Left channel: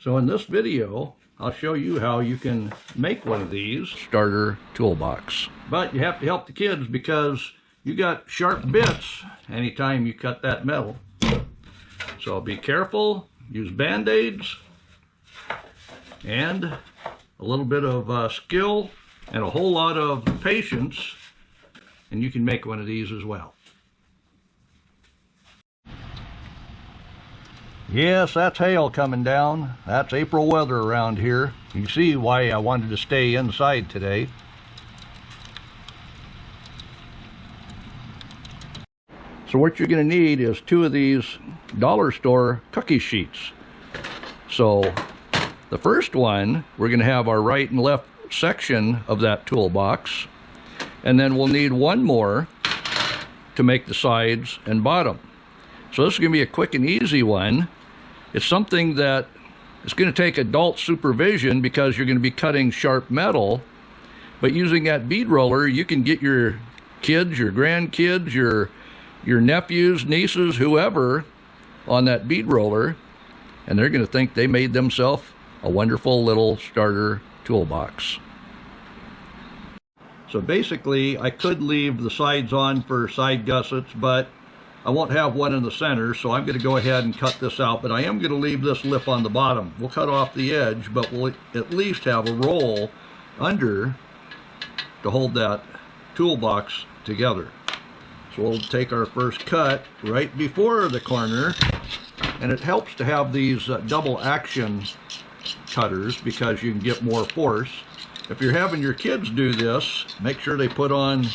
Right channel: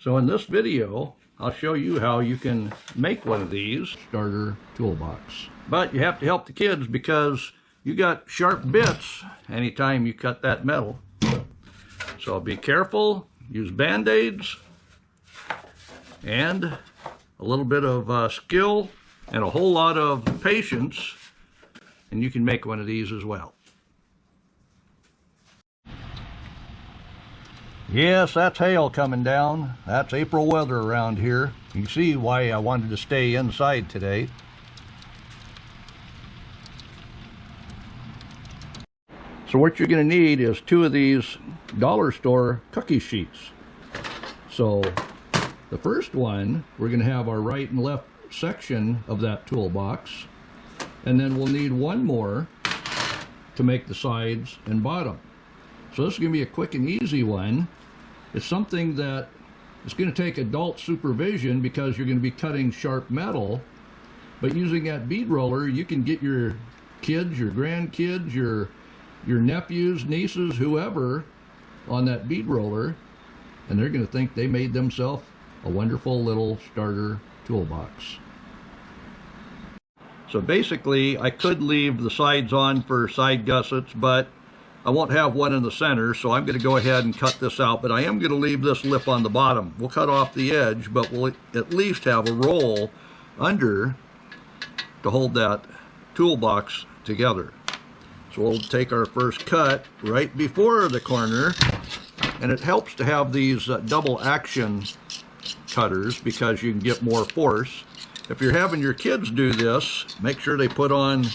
So in this video, I'll show you how you can make one of these starter toolbox. But you have to help the kids because you got sharp bits anytime you cut that metal. So be careful, use band-aids, and a little bit of skill and a whole lot of patience, and you can make one of these as well. Yes, that's hail coming down. That's April weather around here. You can see why I wanted to stay inside today. So what you're going to need is 2 of these dollar store cookie sheets. So the first one, we're going to have our right and left section of that toolbox, and then we'll need 1 more to make the sides and bottom. So this is going to be a quick and easy one. It's something that it's going to take adult supervision because you're going to be cutting sharp metal, but using that bead roller, you can get your kids, your grandkids, your nephews, nieces, whoever on that bead roller, and they're going to think they made themselves a wonderful little starter toolbox. So basically, I could leave the sides on for side gussets, but I won't have one in the center, so I'm going to go ahead and cut this out, but I am going to leave this lip on the bottom. We'll cut off the edge, but we'll at least have a roll under to hold that toolbox together. So we'll take our first cut right before the corner, and it helps to have these double action cutters because you can get more force. If you're having your kids do this, make sure they put on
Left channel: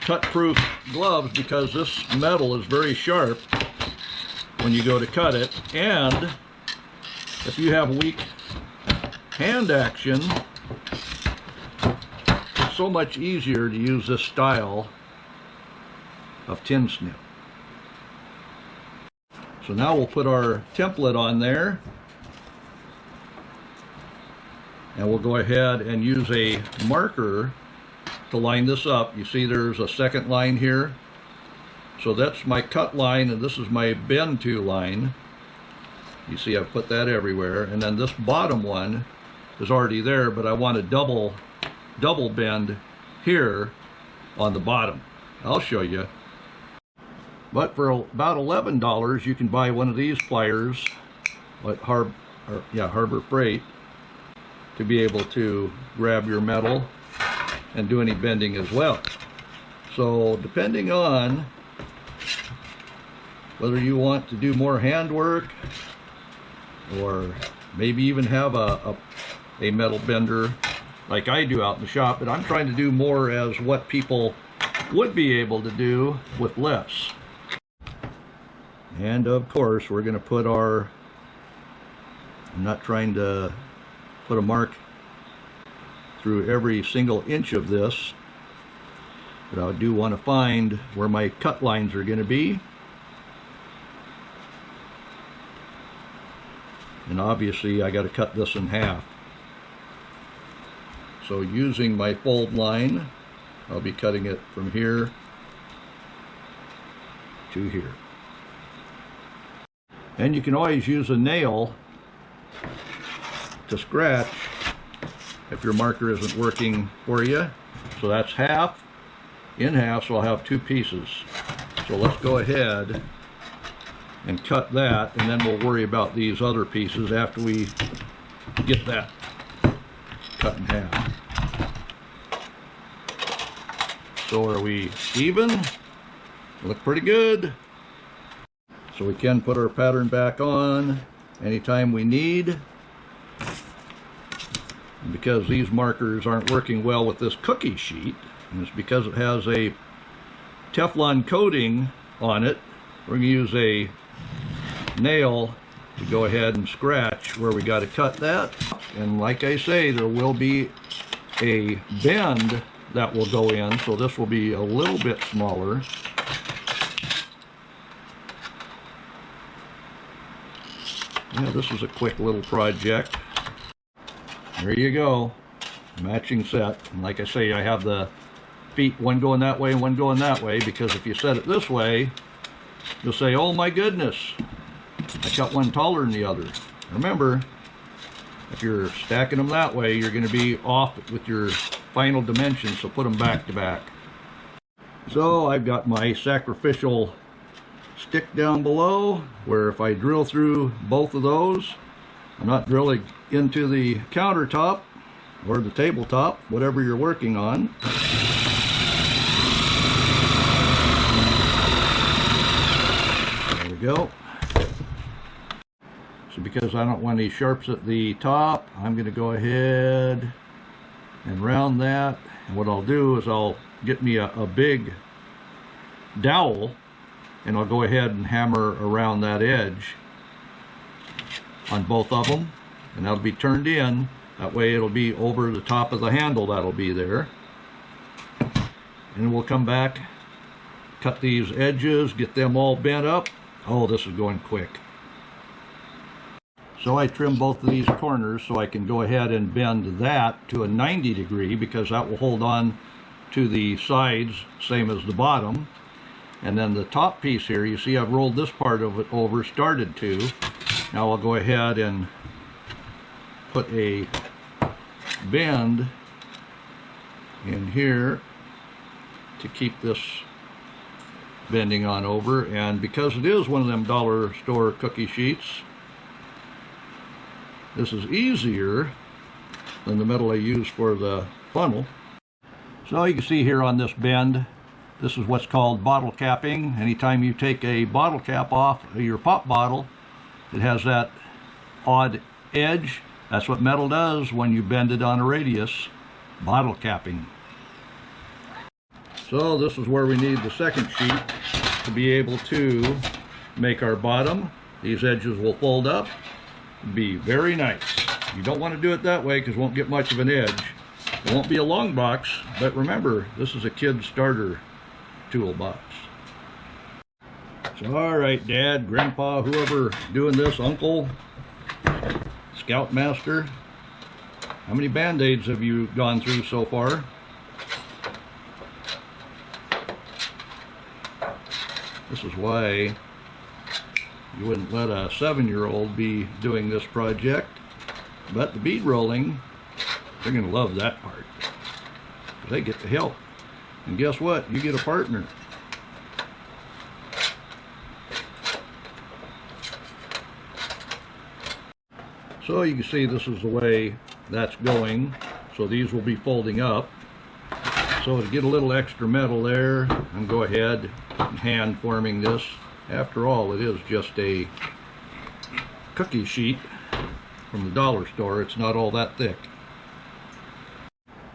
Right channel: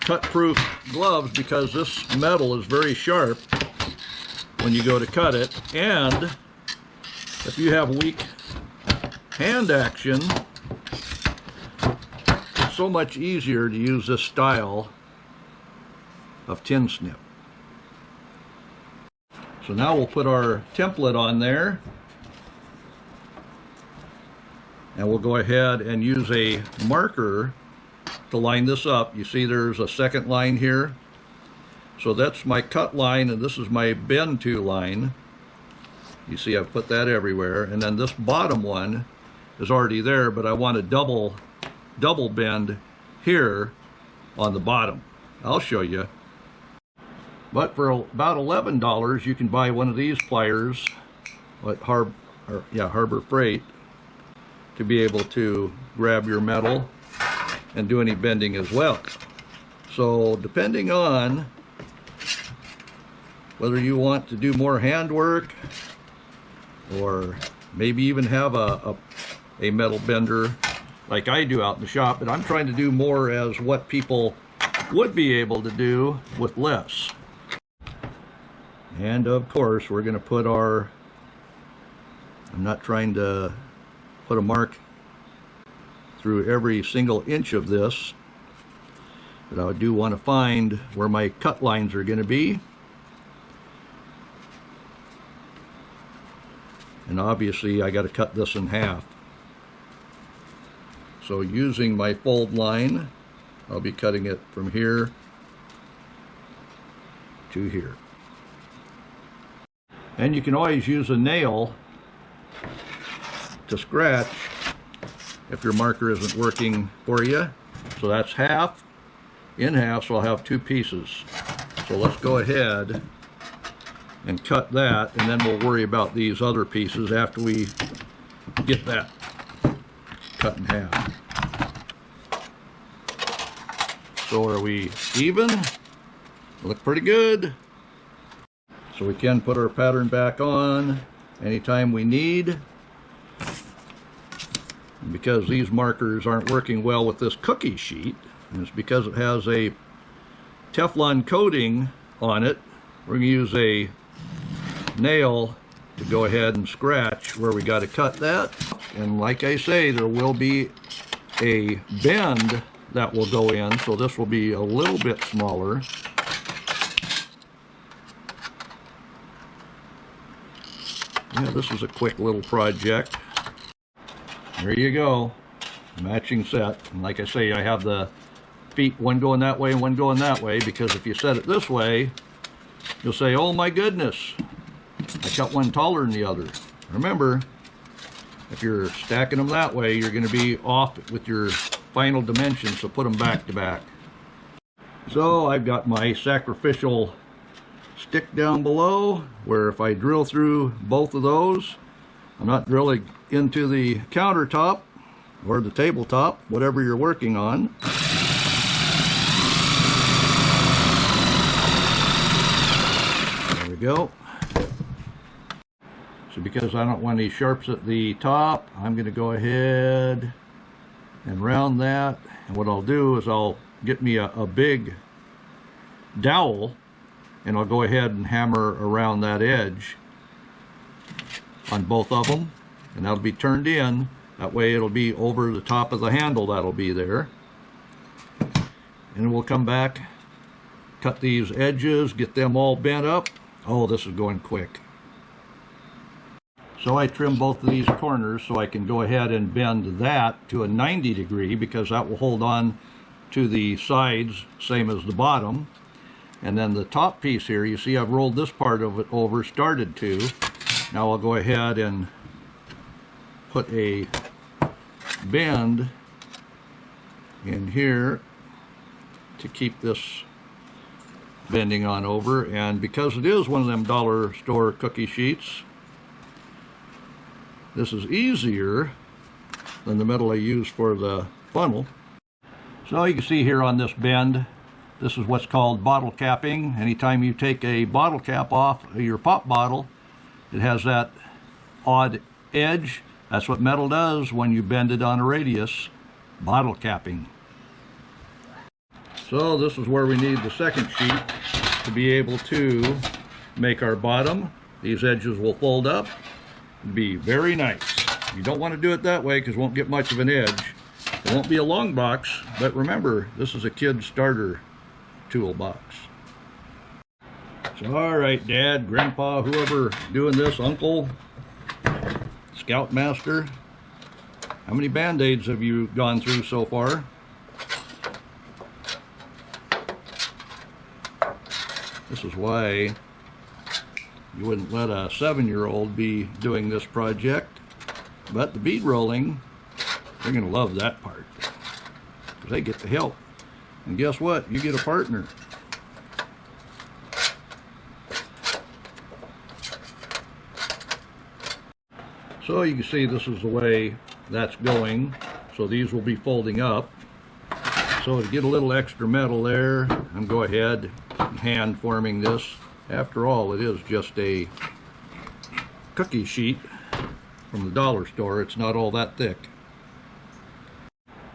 cut-proof gloves because this metal is very sharp when you go to cut it. And if you have weak hand action, it's so much easier to use this style of tin snip. So now we'll put our template on there, and we'll go ahead and use a marker to line this up. You see there's a second line here. So that's my cut line, and this is my bend to line. You see I've put that everywhere. And then this bottom one is already there, but I want a double bend here on the bottom. I'll show you. But for about $11, you can buy one of these pliers at Harbor Freight to be able to grab your metal and do any bending as well. So depending on whether you want to do more handwork or maybe even have a metal bender like I do out in the shop, and I'm trying to do more as what people would be able to do with less. And of course we're going to put our, I'm not trying to put a mark through every single inch of this, but I do want to find where my cut lines are going to be. And obviously I got to cut this in half. So using my fold line, I'll be cutting it from here to here. And you can always use a nail to scratch if your marker isn't working for you. So that's half in half, so I'll have 2 pieces. So let's go ahead and cut that, and then we'll worry about these other pieces after we get that cut in half. So are we even? Look pretty good. So we can put our pattern back on anytime we need. Because these markers aren't working well with this cookie sheet, and it's because it has a Teflon coating on it, we're going to use a nail to go ahead and scratch where we got to cut that. And like I say, there will be a bend that will go in, so this will be a little bit smaller. Yeah, this is a quick little project. There you go, matching set. And like I say, I have the feet, one going that way and one going that way, because if you set it this way, you'll say, oh my goodness, I got one taller than the other. Remember, If you're stacking them that way, you're going to be off with your final dimensions, so put them back to back. So I've got my sacrificial stick down below, where if I drill through both of those, I'm not drilling into the countertop or the tabletop, whatever you're working on. There we go. So because I don't want any sharps at the top, I'm going to go ahead and round that. What I'll do is I'll get me a big dowel, and I'll go ahead and hammer around that edge on both of them, and that'll be turned in. That way it'll be over the top of the handle that'll be there. And we'll come back, cut these edges, get them all bent up. Oh, this is going quick. So I trim both of these corners so I can go ahead and bend that to a 90 degree, because that will hold on to the sides, same as the bottom. And then the top piece here, you see I've rolled this part of it over, started to. Now I'll go ahead and put a bend in here to keep this bending on over. And because it is one of them dollar store cookie sheets, this is easier than the metal I use for the funnel. So you can see here on this bend, this is what's called bottle capping. Anytime you take a bottle cap off of your pop bottle, it has that odd edge. That's what metal does when you bend it on a radius, bottle capping. So this is where we need the second sheet to be able to make our bottom. These edges will fold up. Be very nice. You don't want to do it that way because it won't get much of an edge. It won't be a long box, but remember, this is a kid's starter toolbox. So alright, Dad, Grandpa, whoever doing this, Uncle, Scoutmaster, how many band-aids have you gone through so far? This is why you wouldn't let a 7-year-old be doing this project. But the bead rolling, they're going to love that part. They get to help. And guess what? You get a partner. So you can see this is the way that's going. So these will be folding up. So to get a little extra metal there, I'm go ahead and hand forming this. After all, it is just a cookie sheet from the dollar store. It's not all that thick.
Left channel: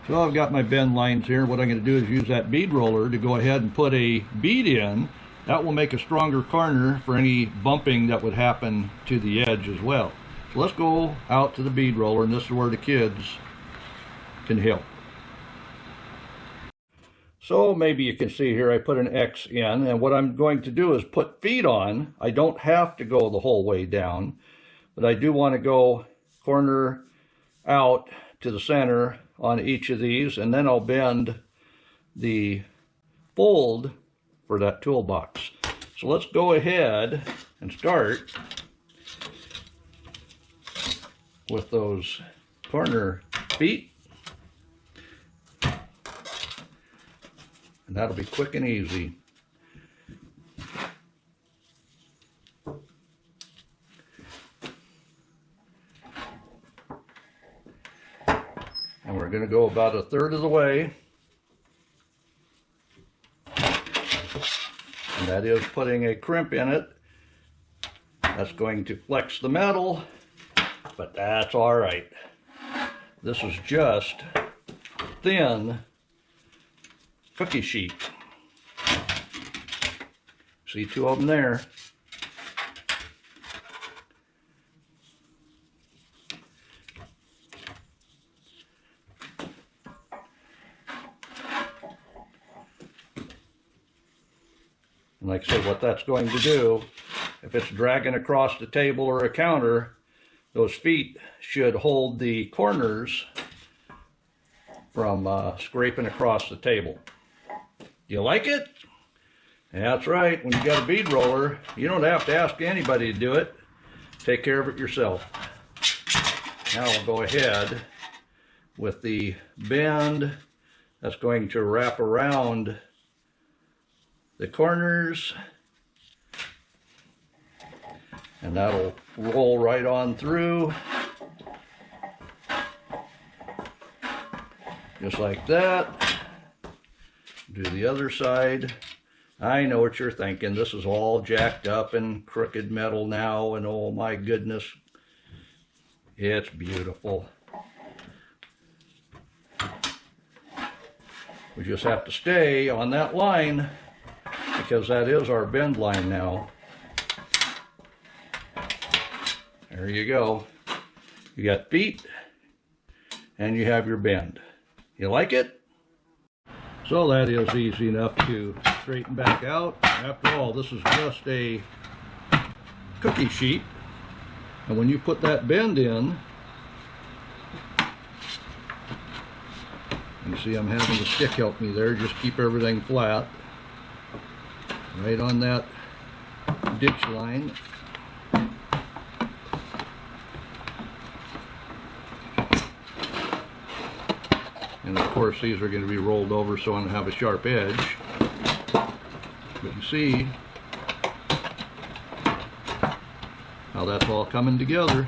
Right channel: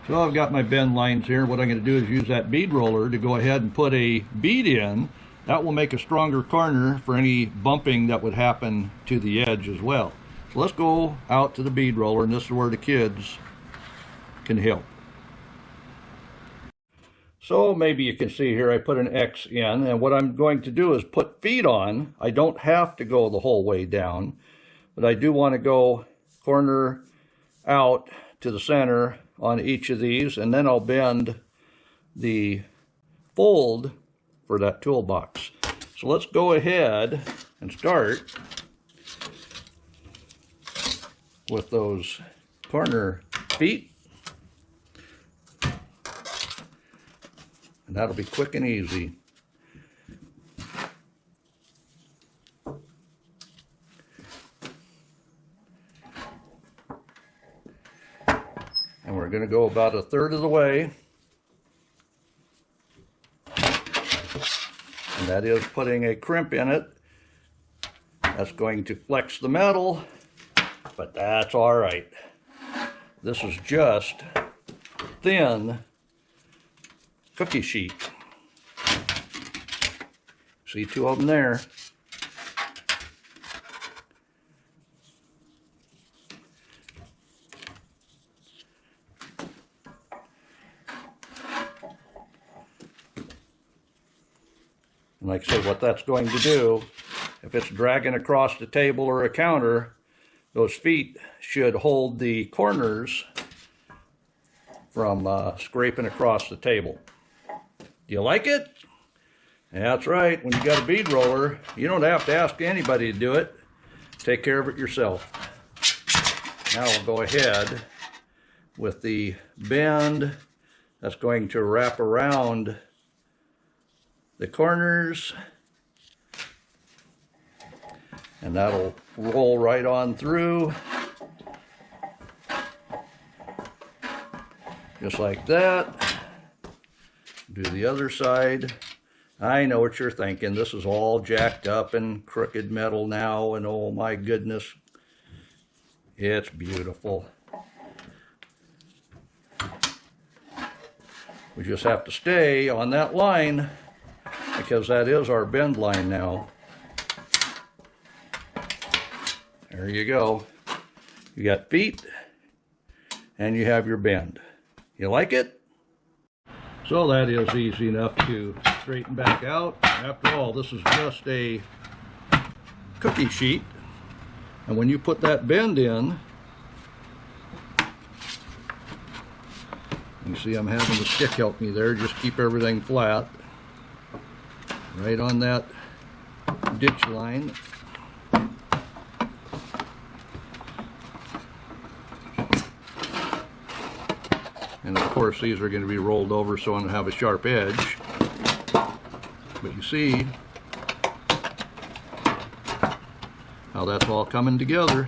So I've got my bend lines here. What I'm going to do is use that bead roller to go ahead and put a bead in. That will make a stronger corner for any bumping that would happen to the edge as well. So let's go out to the bead roller, and this is where the kids can help. So maybe you can see here I put an X in, and what I'm going to do is put feet on. I don't have to go the whole way down, but I do want to go corner out to the center on each of these, and then I'll bend the fold for that toolbox. So let's go ahead and start with those corner feet. And that'll be quick and easy. And we're going to go about a third of the way. And that is putting a crimp in it. That's going to flex the metal, but that's all right. This is just thin cookie sheet. See two of them there. And like I say, what that's going to do, if it's dragging across the table or a counter, those feet should hold the corners from scraping across the table. Do you like it? Yeah, that's right. When you got a bead roller, you don't have to ask anybody to do it. Take care of it yourself. Now we'll go ahead with the band that's going to wrap around the corners, and that'll roll right on through, just like that. Do the other side. I know what you're thinking. This is all jacked up and crooked metal now, and oh my goodness, it's beautiful. We just have to stay on that line because that is our bend line now. There you go. You got feet and you have your bend. You like it? So that is easy enough to straighten back out. After all, this is just a cookie sheet. And when you put that bend in, you see I'm having the stick help me there, just keep everything flat. Right on that ditch line. And of course these are going to be rolled over so I don't have a sharp edge. But you see how that's all coming together.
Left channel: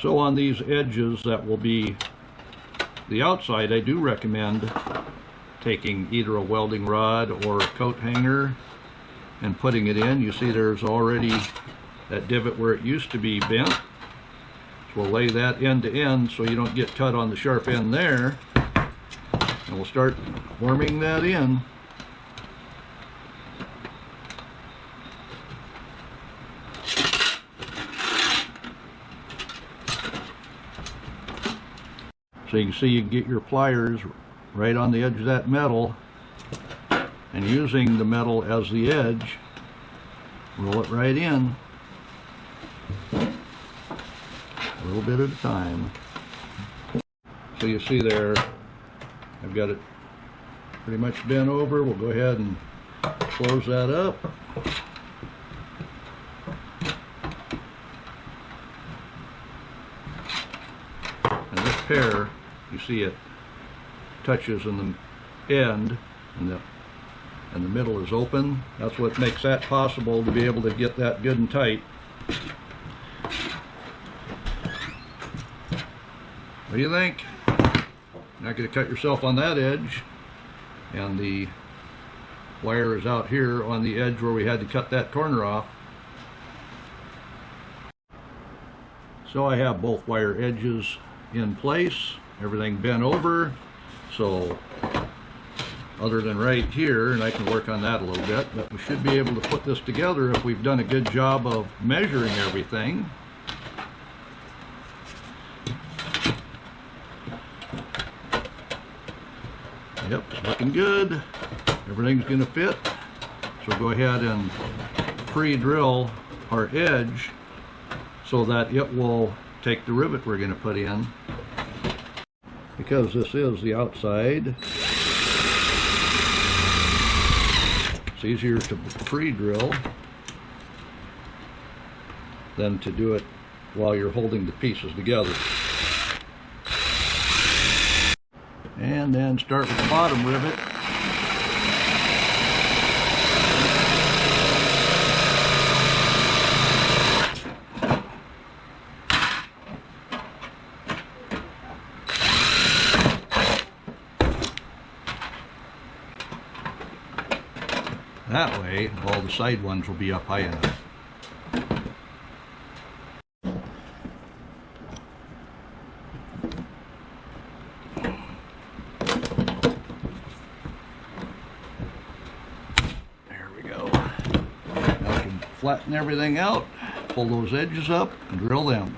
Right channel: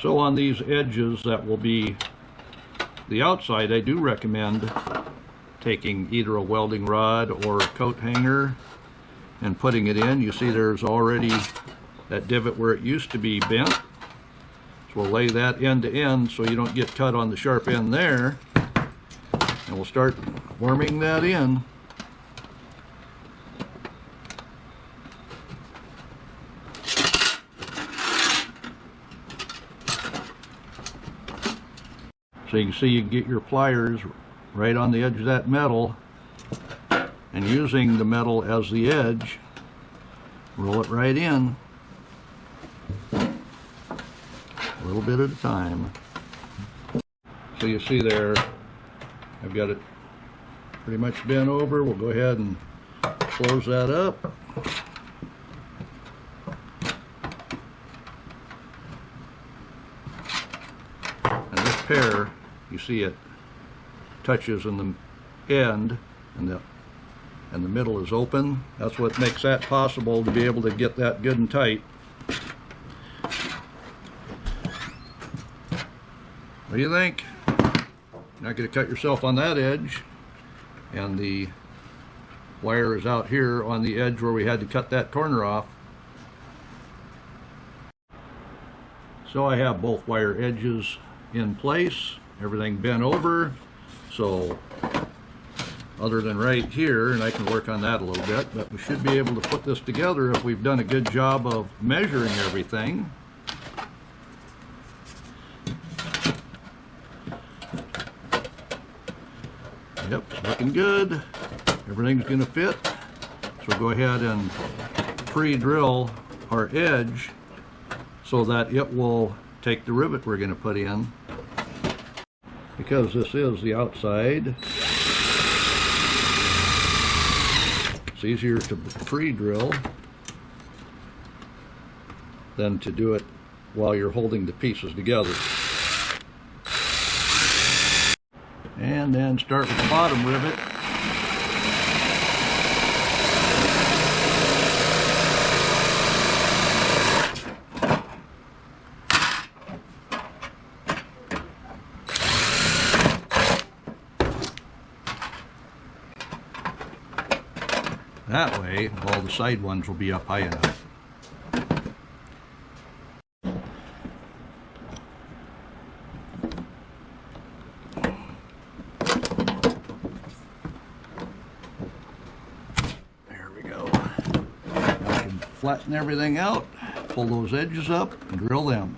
So on these edges that will be the outside, I do recommend taking either a welding rod or a coat hanger and putting it in. You see there's already that divot where it used to be bent. So we'll lay that end to end so you don't get cut on the sharp end there. So we'll start worming that in. So you can see you can get your pliers right on the edge of that metal, and using the metal as the edge, roll it right in, a little bit at a time. So you see there, I've got it pretty much bent over. We'll go ahead and close that up. And this pair, you see it touches in the end, and the middle is open. That's what makes that possible, to be able to get that good and tight. What do you think? Not going to cut yourself on that edge, and the wire is out here on the edge where we had to cut that corner off. So I have both wire edges in place, everything bent over, so other than right here, and I can work on that a little bit, but we should be able to put this together if we've done a good job of measuring everything. Yep, looking good. Everything's going to fit. So go ahead and pre-drill our edge so that it will take the rivet we're going to put in. Because this is the outside, it's easier to pre-drill than to do it while you're holding the pieces together. And then start with the bottom rivet. That way, all the side ones will be up high enough. There we go. I can flatten everything out, pull those edges up, drill them.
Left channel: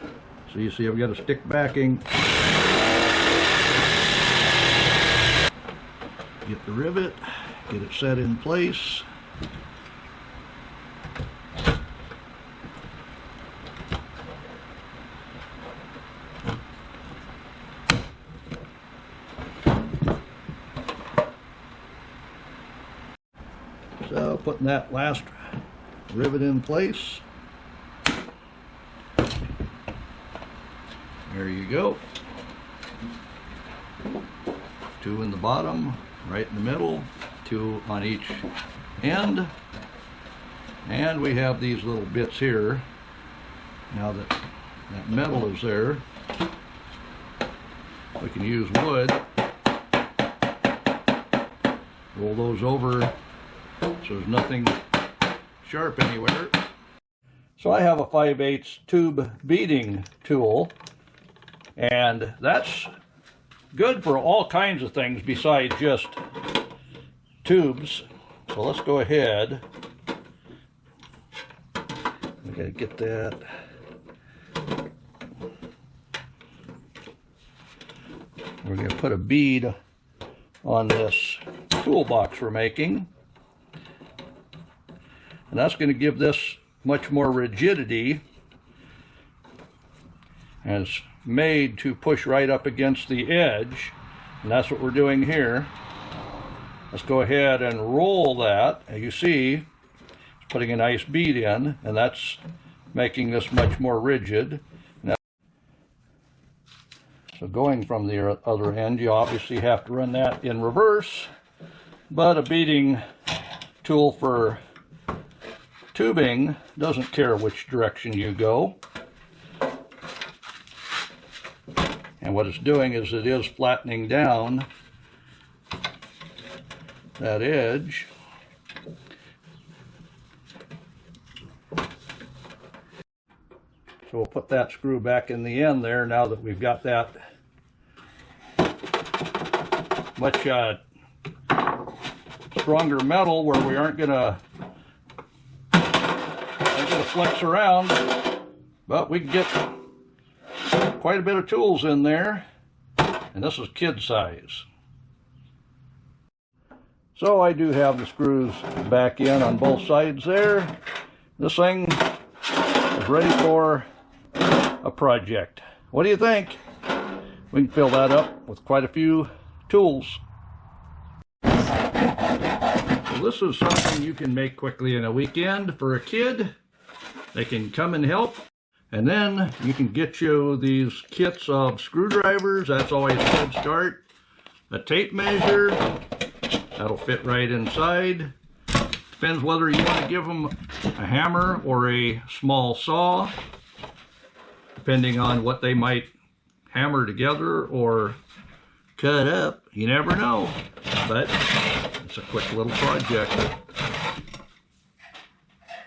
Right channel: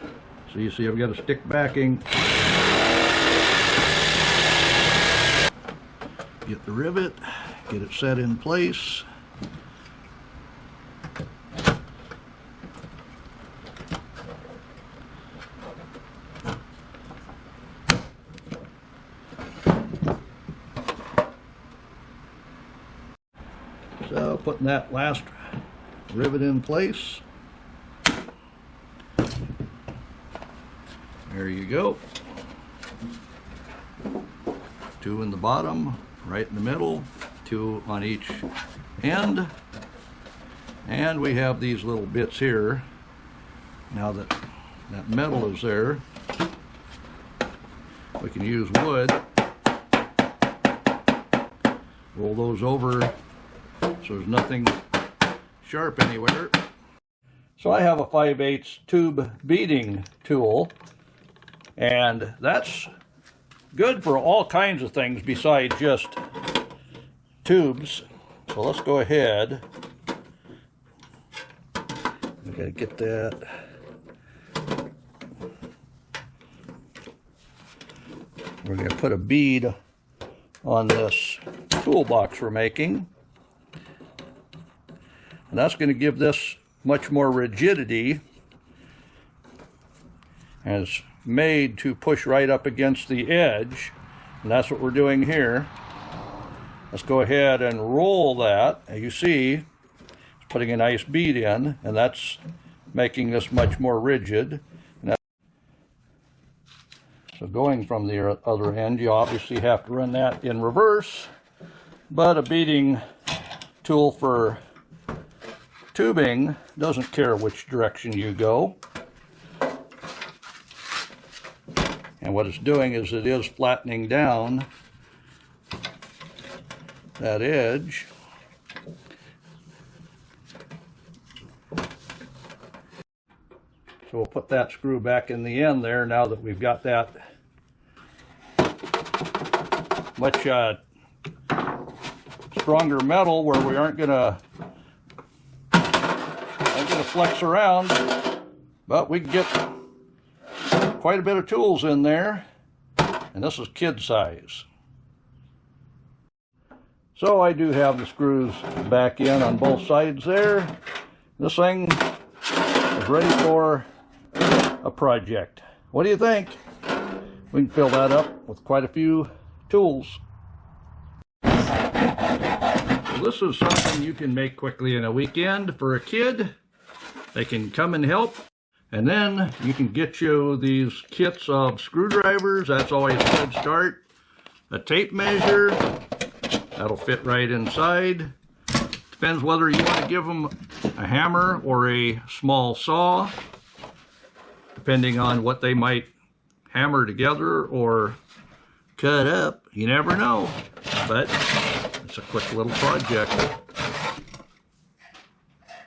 So you see I've got a stick backing. Get the rivet, get it set in place. Putting that last rivet in place. There you go. 2 in the bottom, right in the middle, 2 on each end. And we have these little bits here. Now that that metal is there, we can use wood. Roll those over so there's nothing sharp anywhere. So I have a 5/8 tube beading tool, and that's good for all kinds of things besides just tubes. So let's go ahead. I'm gonna get that. We're gonna put a bead on this toolbox we're making, and that's going to give this much more rigidity, and it's made to push right up against the edge, and that's what we're doing here. Let's go ahead and roll that. As you see, it's putting a nice bead in, and that's making this much more rigid. So going from the other end, you obviously have to run that in reverse, but a beading tool for tubing doesn't care which direction you go. And what it's doing is it is flattening down that edge. So we'll put that screw back in the end there now that we've got that much stronger metal where we aren't gonna flex around, but we can get quite a bit of tools in there, and this is kid size. So I do have the screws back in on both sides there. This thing is ready for a project. What do you think? We can fill that up with quite a few tools. So this is something you can make quickly in a weekend for a kid. They can come and help. And then you can get you these kits of screwdrivers. That's always a good start. A tape measure. That'll fit right inside. Depends whether you want to give them a hammer or a small saw, depending on what they might hammer together or cut up. You never know, but it's a quick little project.